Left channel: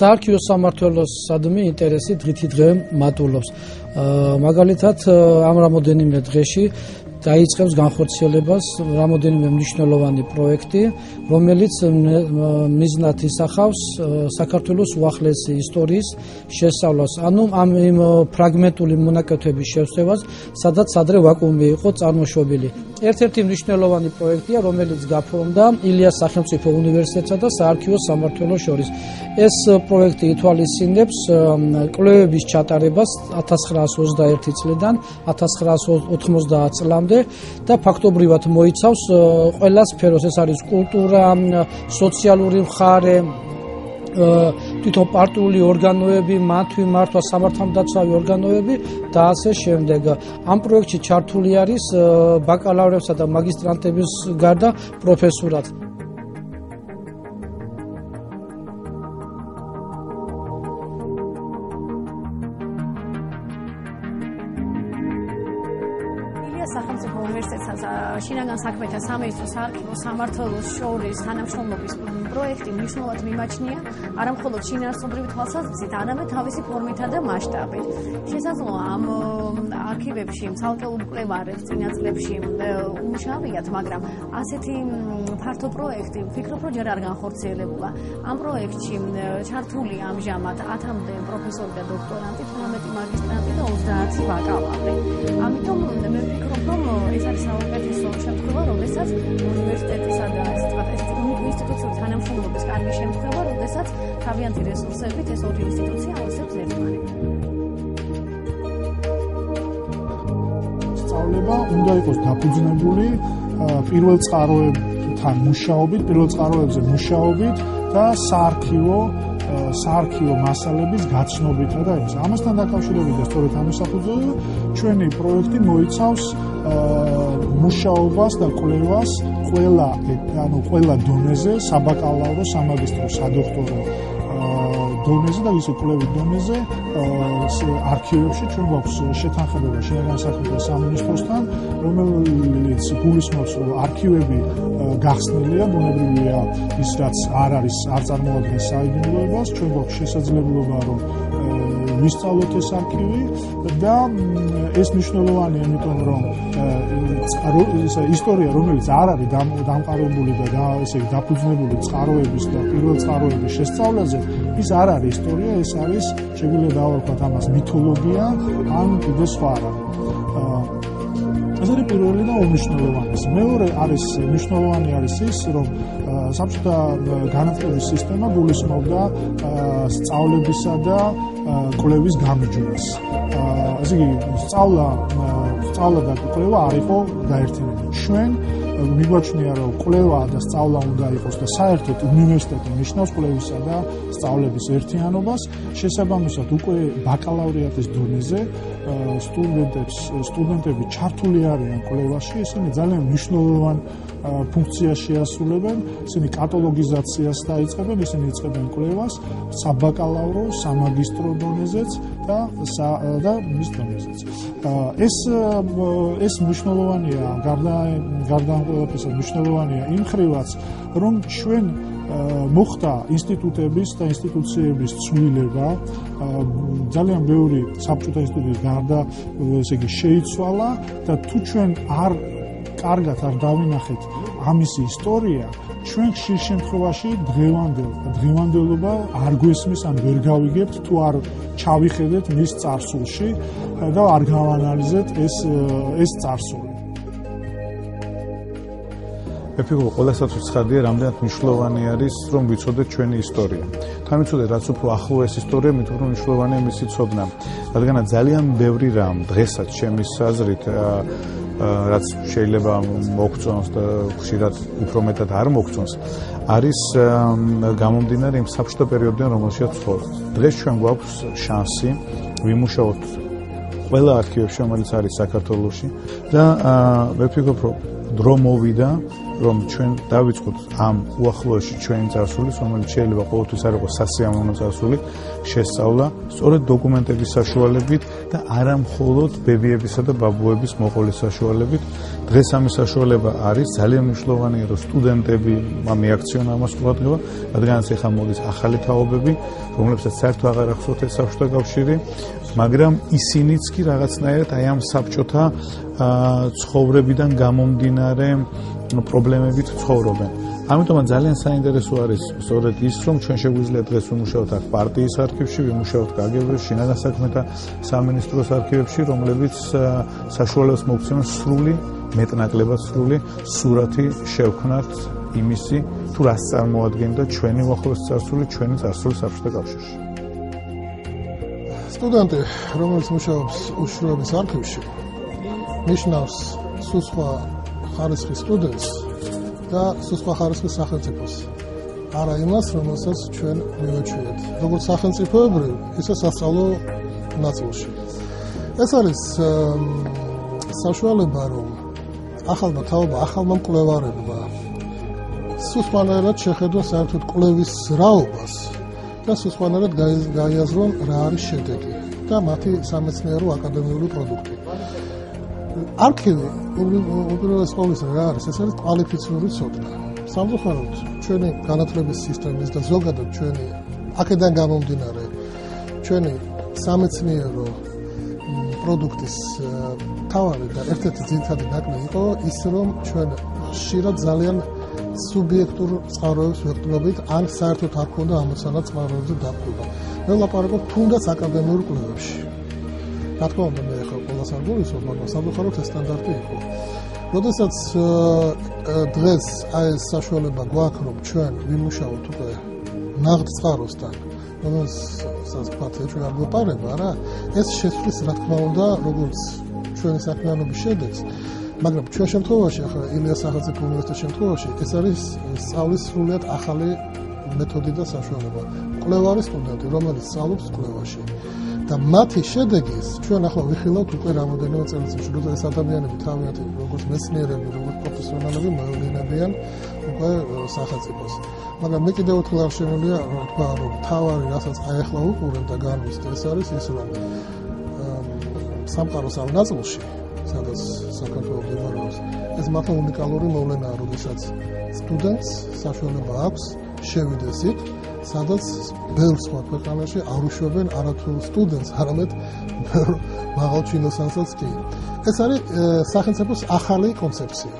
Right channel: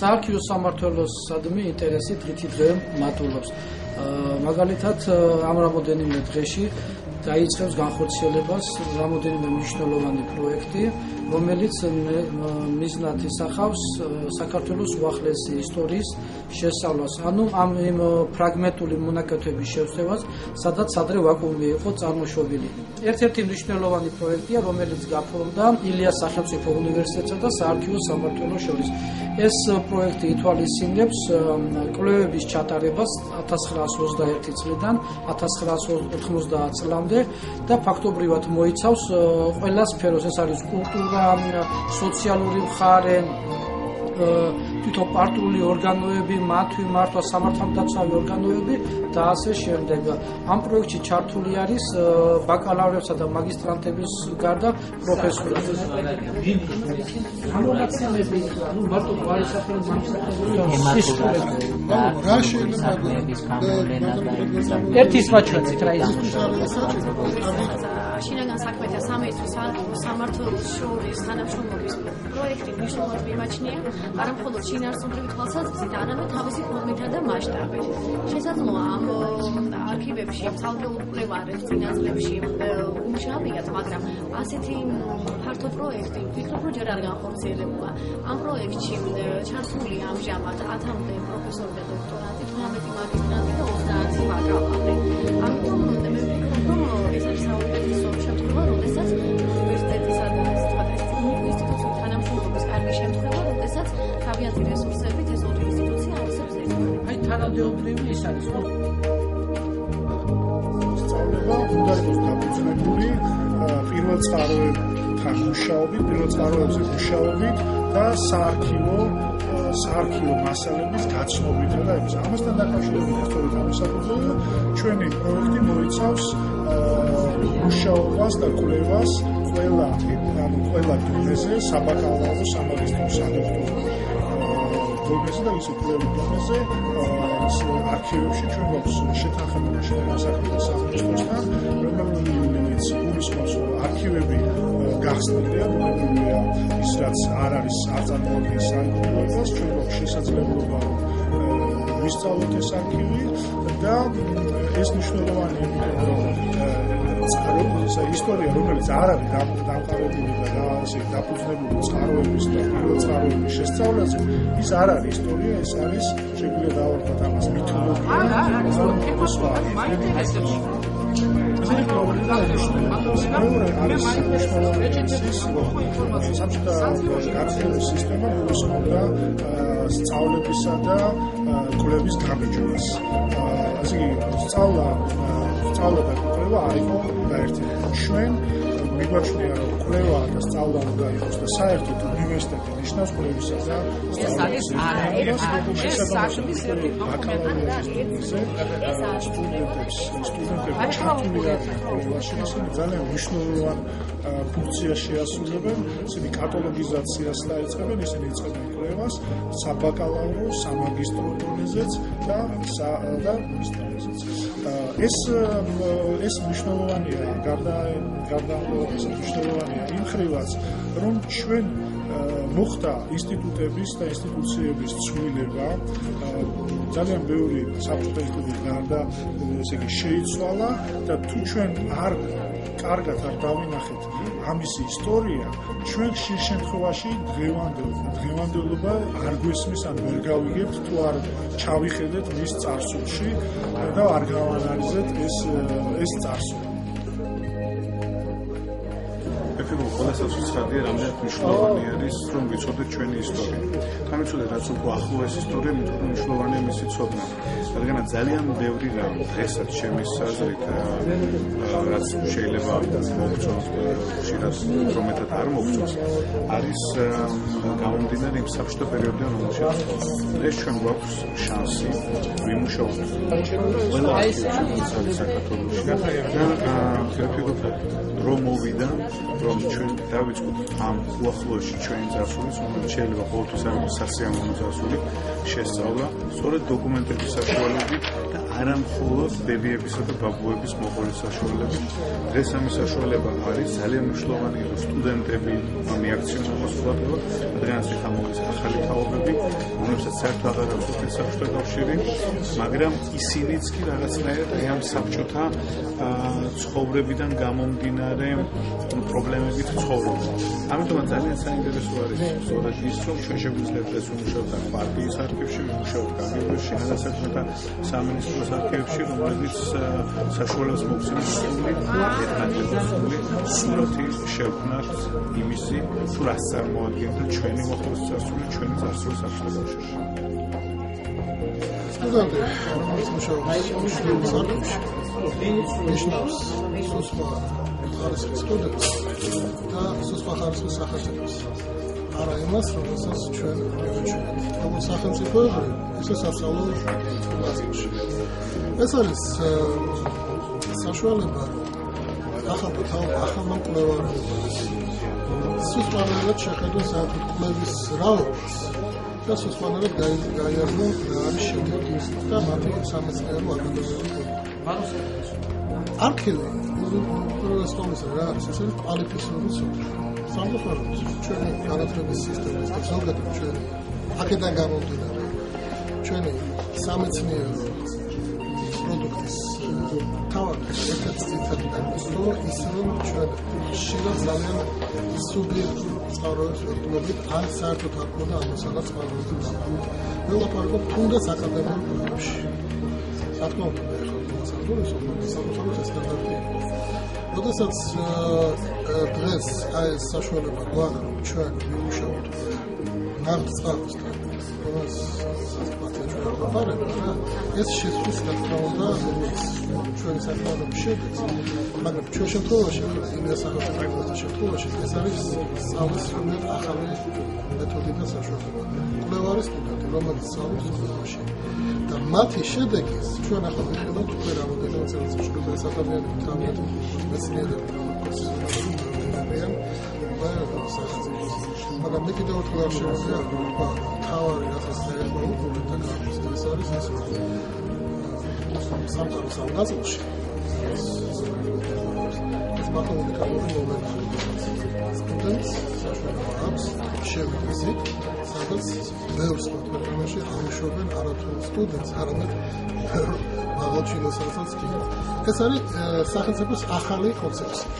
საარქივო სამმართველოს სადმი ინტერესი დღითი დღე მატულობს. მაგალითად, ამ რამოდენიმე დღეში დაიწყებს განხორციელებას რამოდენიმე მნიშვნელოვანი პროექტი, რომელიც მიზნად ისახავს საქართველოს უახლესი ისტორიის შესწავლას, ანუ ამ ფრაგმენტული მონაკეთების შევსებას, სადაც ადრე ვაკუუმი იყო წარმოშობილი. ერთ-ერთი მნიშვნელოვანი პროექტია, რომელიც გაფორმდა ილიას სახელმწიფო უნივერსიტეტსა და საარქივო სამმართველოს შორის. ეს პროექტი ითვალისწინებს კვლევების ჩატარებას 1921 წლიდან 1990 წლამდე და ფაქტობრივად მოიცავს ყველა სფეროს, ეს არის კულტურა, სოციალური მხარე, თვითონ პარტიული ორგანოები, მათი მართვა, სამართალდაცვავი ორგანოები და ასე შემდეგ. ამ პროექტში ჩართული არის ბაკალავრებსა და მაგისტრანტების გარდა პროფესურაც. ერთის მაჩვენეთ რა ის შინაგან საქმეთა სამინისტროს საარქივო სამმართველოს შორის თანამშრომლობის პროექტი მნიშვნელოვნად მიმაჩნია არა მხოლოდ შინაარსობრივი თვალსაზრისით, არამედ თავისი ფორმითა და მასშტაბით. შესაძლოა ამ არქივებში ცალკეულ მკვლევარებს წინა წლებში უშავიათ, მაგრამ ასეთი ფართო პროექტი ვფიქრობ, რომ ჯერ არ განხორციელებულა. ამ პროექტში ჩართული ამჟამად 10-მდე პროფესორი და დოქტორანტი, 18 მაგისტრანტი და 30 ბაკალავრი. ამიტომ მე ვფიქრობ, რომ ეს არის საუკეთესო შემთხვევა, რომელსაც უნივერსიტეტისა და ინსტიტუციის თანამშრომლობის კარგი შემთხვევა, როდესაც თავიანთი რესურსებით ეს ორი ინსტიტუცია აისებს ერთმანეთს. აი თანადროული ის არის. სწავლება უნდა იყოს დაფუძნებული პირველ წყაროებთან მუშაობით, პირველ წყაროებზე მუშაობით და საარქივო მასალების გაცნობითა და ეს. ამასთან დაკავშირებით სწორედ ამის საფუძველზე ჩვენი პროექტი მოიცავს მუშაობას და კვლევას ყველა დონეზე, საბაკალავრო, სამაგისტრო, სადოქტორო დონეზე და ისე კვლევის დონეზე არქივებში ჩვენ გვაქვს შეთანხმება შინაგან საქმეთა სამინისტროსთან, რომელიც გულისხმობს, რომ არქივები გახსნილია, ბუნებრივია ის რაც არ არის არ წარმოადგენს საინტერესოს, ჩვენ გვაქვს შესაძლებლობა რომ ვისწავლოთ ეს არქივი და ეს მნიშვნელოვანია, იმიტომ რომ ისტორია, რომელიც არ არის დამყარებული და ესე დაფუძნებული წყაროების და პირველ წყაროების შესწავლაზე, ის არ არის ისტორია, ეს არის შეგვიძლია დავარქვათ ამას მითოლოგია, ან კიდე სხვა. ეს არის პირველი და მნიშვნელოვანი. მეორე არის მნიშვნელოვანი ის, რომ საბჭოთა განათლების სისტემა გულისხმობდა სწავლებისა და კვლევის გამარჯვებას. ესე იგი, სწავლა და კვლევა არ იყო გაერთიანებული. ჩვენ მიგვაჩნია, რომ კვლევა და სწავლა უნდა იყოს და საერთოდ უნივერსიტეტი ნიშნავს კვლევისა და სწავლების ერთიანობას. შესაბამისად, უკვე ბაკალავრიატის დონეზე სტუდენტები ჩართული არიან კვლევაში, ისინი ძალიან მნიშვნელოვან ფუნქციას შეასრულებენ, ისინი კატალოგიზაციას დაიწყებენ, ისინი იწყებენ კვლევას საბაკალავრო, სამაგისტრო დონეზეც და მის დონეზეც. ეს მნიშვნელოვანია, გარდა ამ ყველაფერისა მნიშვნელოვანია იმ ხრივაც, რომ ჩვენ მოხდა ინსტიტუტების და ინსტიტუციების ცვლილება, ძალიან ბევრი საბჭოთა ინსტიტუტის გარდა, ესე იგი, შეიცვალა და თუ ჩვენ კარგად არ დავინახეთ ამისი ისტორია, ჩვენ ხშირ შემთხვევაში დღევანდელობა არ გვესმის, ან ვერ გავიგებთ, თუ არ ჩავიხედეთ მის წარსულში და არ გავანალიზეთ ეს წარსული. ეფიქრობ, ყველასაც უცხადია, რამდენად მნიშვნელოვანი არის, რომ ვიცოდეთ ჩვენი ისტორია. თან ვიცოდეთ, რაც უფრო ახლო ეს ისტორია, მით უფრო მნიშვნელოვანია მისი ცოდნა. რადგანაც ძალიან ბევრი რამ დღესაც ჩემი აზრით, რაც შეიძლება მოგწონს და ხშირად უფრო მეტად არ მოგწონს, არის გამომდინარე იმ საბჭოთა პერიოდიდან, რომელშიც ვცხოვრობ. დღეს ჩვენ გვაქვს შანსი ვიმუშაოთ ყველა არქივებში, რომელიც არის საქართველოში და ვფიქრობ, რომ დრო მოვიდა, რომ ჩვენ დავიწყოთ ამ უახლოეში ჩვენი წარსულის, რომელიც შეიძლება ყოველთვის არ იყოს სასიამოვნო წარსული, შესწავლა სწორედ დოკუმენტების საშუალებით და არა მხოლოდ ბებიებისა და ბაბუების მოყოლის საშუალებით დღეს ამის საშუალება არის ძალიან მნიშვნელოვანია, რომ სტუდენტები მიაქციონა ამას ყურადღება, რადგანაც ეხლა მოდის ახალი თაობები, რომლებსაც საერთოდ აღარ ახსოვთ საბჭოთა კავშირი, მაგრამ ისინიც კი რაღაცნაირად აი ამ საბჭოთა ცხოვრებიდან გამომდინარე პრობლემებით ცხოვრობენ. ამიტომაც ძალიან საინტერესო არის სწორედ ის, რომ ჩვენ შეგვიძლია დღეს ვიმუშაოთ აქ პარტიის არქივში, ვიმუშაოთ კგბ-ში, შინაგან საქმეთა სამინისტროს არქივებში, რომლებიც საშუალებას მოგცემენ სრული, მეტნაკლებად სრული სურათი შევქმნათ იმისი, თუ რას წარმოადგენდა ჩვენი მოხალისე წარსული, ჩვენი წარსული საბჭოთა კავშირში. სტუდენტი, რომელიც მუშაობს უშუალოდ არქივში, ნიშნავს სხვა ხარისხის სტუდენტს და სხვა ხარისხის სახელმწიფოს. არა იმას, რომელსაც ჩვენ მივაჩვენებთ, როგორც სახელმწიფოებრივ, ისე სასწავლო ნაწილში. ეს არის საშუალება, რომ ახალმა თაობამ, ახალმა მკვლევარებმა სუსტმანერად შეხედოს საერთოდ კვლევის რაობას და სუსტმანერად გაიაზრო რა არის შედეგი და მათი სამეცნიერო აკადემიური პროდუქტი. არქივი უპირველეს ყოვლისა რა არის? ეს არის კვალიფიციური სოფლი. სამწუხაროდ ჩვენი განათლების სისტემის და ზოგადად ჩვენი აქედან გამომდინარე ჩვენი სამეცნიერო პროდუქტის თავარი და ერთ-ერთი ძირითადი ნაკლებია ის, რომ ჩვენ ხშირად ძალიან სუბიექტურ წყაროებს ვერტმებით, ან საერთოდ არ ქონდა ამასალა წყაროებზე დაყრდნობა. ველაპარაკობ თუნდაც აკადემიურ კვლევებში. რა თქმა უნდა, მე ხო ყველას არ გულისხმობ, მაგრამ სამწუხაროდ ეს სტანდარტი იყო. როდესაც დღეს აი ეს საშუალება გვაქვს, რომ ჩვენ ვიმუშაოთ უკვე ნაღდ წყაროსთან, რომელსაც პარტია ჩვენ არ ვაპარებთ, რა, ეს შეცვლის რა თქმა უნდა, როგორც ჩვენი საქმიანობის შედეგს, მაგრამ ჩვენ შემთხვევაში, ილიას სახელმწიფო უნივერსიტეტის შემთხვევაში, ეს არის სწავლის სრულიად ახალი მეთოდი და საშუალება. კვლევარი სტუდენტი, რომელიც სწავლობს კვლევაში და მათი შედეგის ჩვენ ახლა ვიხილავთ უკვე რამოდენიმე წელიწადში, როცა ეს ადამიანები თავიანთი მეცნიერები, პროფესიონალები მოედინებიან უკვე სახელმწიფოს. მაგრამ მე კიდევ ერთხელ არ შემიძლია ვთქვა, რომ თავარი, რასაც ახლა უყურებ და გარბის, ეს არის ის, რომ სამყაროს ამ ნაწილში, სადაც საქართველოს მდებარეობს, ეს მართლა უნიკალური მოვლენაა, როდესაც სტუდენტს საშუალება აქვს შევიდეს იქ, სადაც ბევრ სხვა ქვეყანაში არ უშვებენ არათუ სტუდენტს, არამედ მაღალჩინოსანსაც კი. ეს არის სახელმწიფოს ახალი კონცეფცია.